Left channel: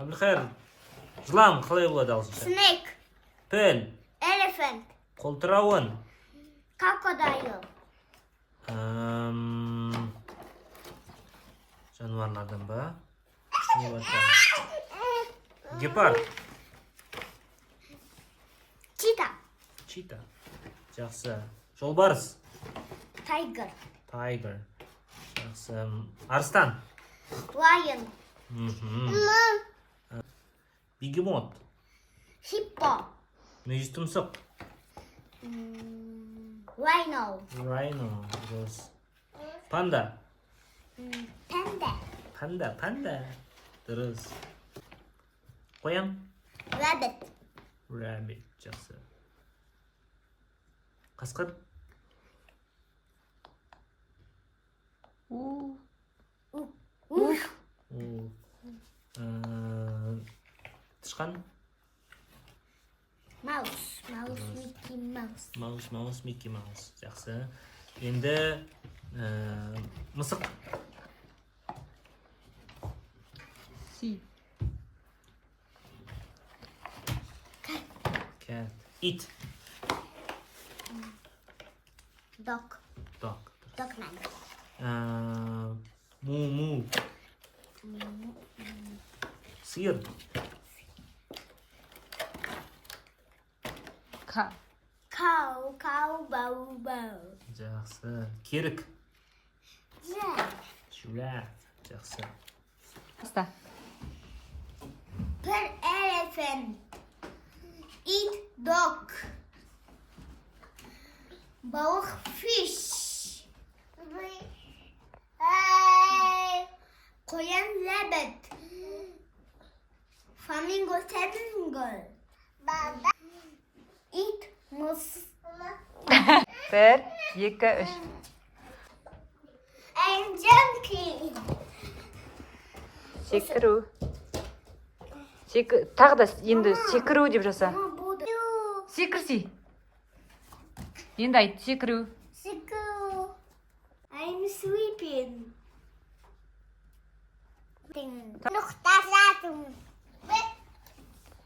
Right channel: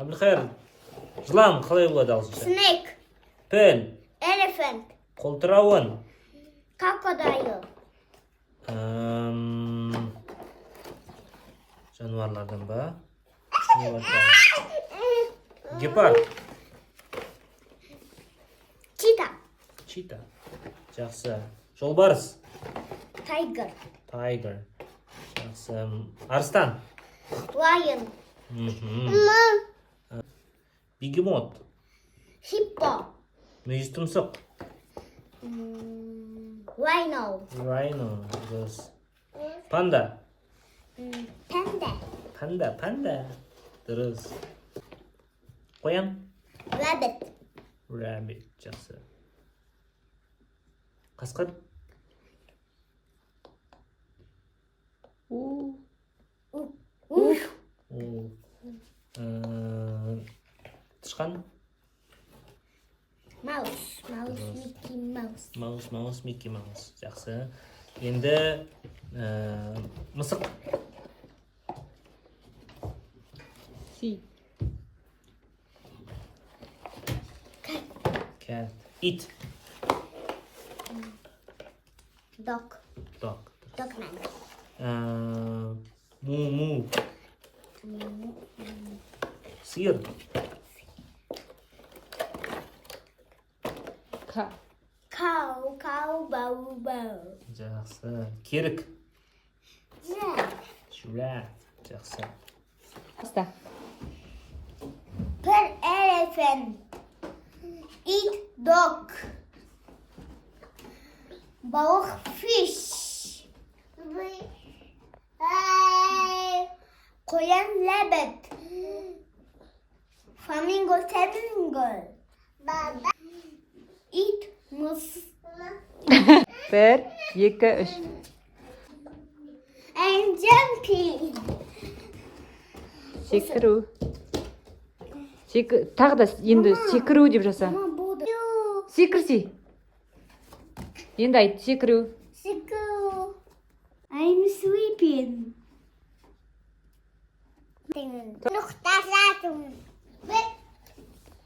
Әбілхайыр, жылан қалай болады ағылшынша? Snake. Піл, Elephant. қолтырауын. Crocodile. Жануарлардан ба? Не бар тағы? Гепард, Cheetah. чита. Жақсы. Жолбарыс, Tiger. тайгер. Жақсы. Арыстан, Lion. бегемот, Hippo. мүйіз тұмсық. Rhino. Rhino, дұрыс. Панда, Panda. панда. Дұрыс. Қоян, Rabbit. rabbit. Жақсы. Қасқыр, тышқан, Mouse. Mickey Mouse. маус, Микки Маус. Жақсы. Енді мысық, Си. cat, ит, Dog. dog. Dogman. Му, сиыр, Ка. Cow. Bow. жақсы. Керік, Yeah. giraffe. Жақсы. Баста. Elephant. Eat dog. Balık fish. Koyan rabbit. Flamingo. Eat moose. Бір, екі, үш. And jumping. Секіру. Тағы да енді секіру деп жаса. Секірсе. Енді айт, секіру. I'm sleeping. Нұқтасатым.